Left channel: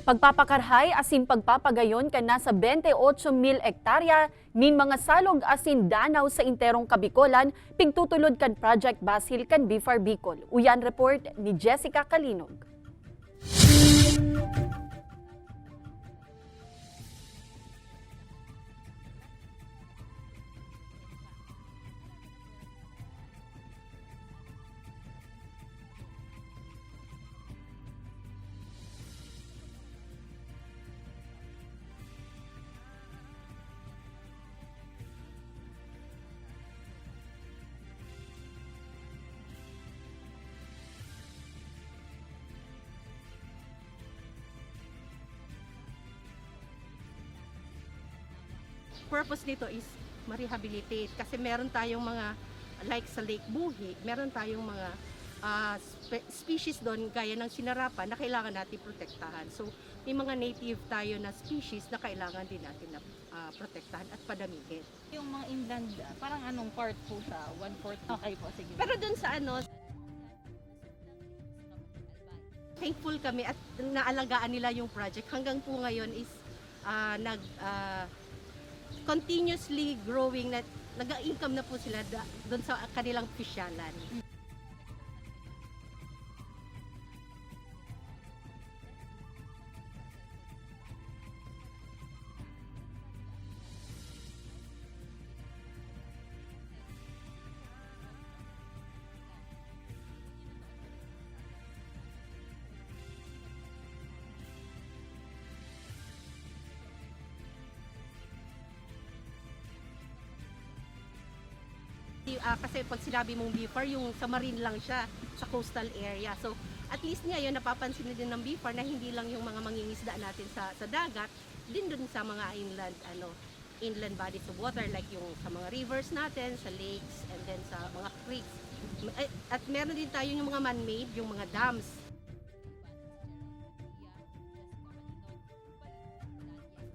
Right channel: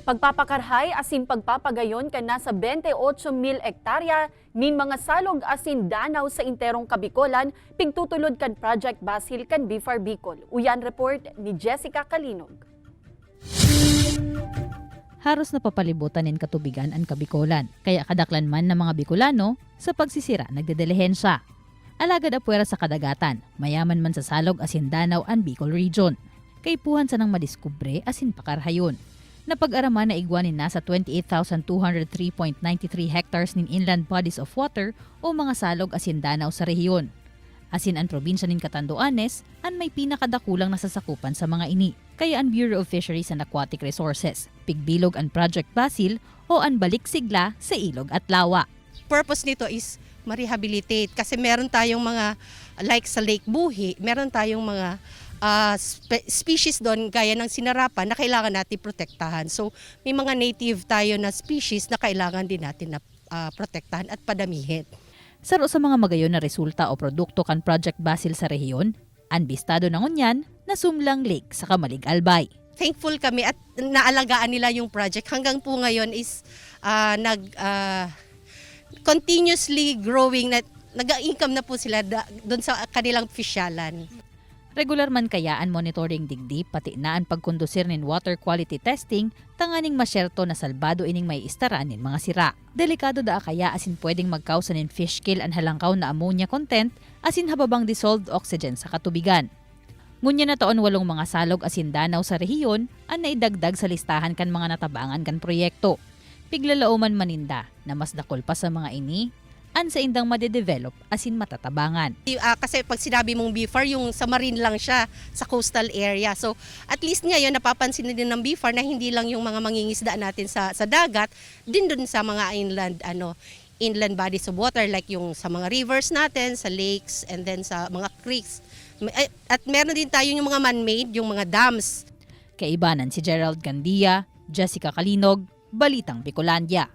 Pagpapakarhay asin pagpapagayon ka na sa 28,000 hektarya nin mga salog asin danaw sa interong Kabikolan, pigtutulod kan Project Basil kan BFAR Bicol. Uyan report ni Jessica Kalinog. Haros na papalibutan nin katubigan ang Kabikolan, kaya kadaklan man ng mga Bicolano sa pagsisira nagdedelehensya. Alagad apuera sa kadagatan, mayaman man sa salog asin danaw ang Bicol Region. Kaipuhan sa nang madiskubre asin pakarhayon. Napag-araman na igwanin nasa 28,203.93 hectares nin inland bodies of water o mga salog asin danaw sa rehiyon. Asin ang probinsya nin Catanduanes ang may pinakadakulang nasasakupan sa mga ini. Kaya ang Bureau of Fisheries and Aquatic Resources, pigbilog ang Project Basil o ang balik sigla sa ilog at lawa. Purpose nito is ma-rehabilitate kasi meron tayong mga like sa Lake Buhi, meron tayong mga species doon gaya ng sinarapan na kailangan natin protektahan. So may mga native tayo na species na kailangan din natin na protektahan at padamihin. Saro sa mga magayon na resulta o produkto kan Project Basil sa rehiyon, ang bistado ng unyan na Sumlang Lake sa Kamalig Albay. Thankful kami at naalagaan nila yung project. Hanggang po ngayon is continuously growing, nag-income na po sila doon sa kanilang pisyalan. Regular man kaya ang monitoring digdi pati na ang pagkondusir nin water quality testing tanganing masyerto na salbado ining may istaran nin mga sira. Delikado da kaya asin pwedeng magkausa nin fish kill ang halangkaw na ammonia content asin hababang dissolved oxygen sa katubigan. Ngunya na taon 8 mga salog asin danaw sa rehiyon ang naidagdag sa listahan kan mga natabangan kan proyekto. Piglalauman maninda na mas dakol pa sa mga ini an sa indang madedevelop asin matatabangan. Kasi pag sinabi mong BFAR, yung sa marine lang siya, sa coastal area. So at least ngayon napapansin din ng BFAR na hindi lang yung mga mangingisda natin sa dagat, din dun sa mga inland bodies of water like yung sa mga rivers natin, sa lakes, and then sa mga creeks. At meron din tayo yung mga man-made, yung mga dams. Kaibanan si Gerald Gandia, Jessica Kalinog, Balitang Bicolandia.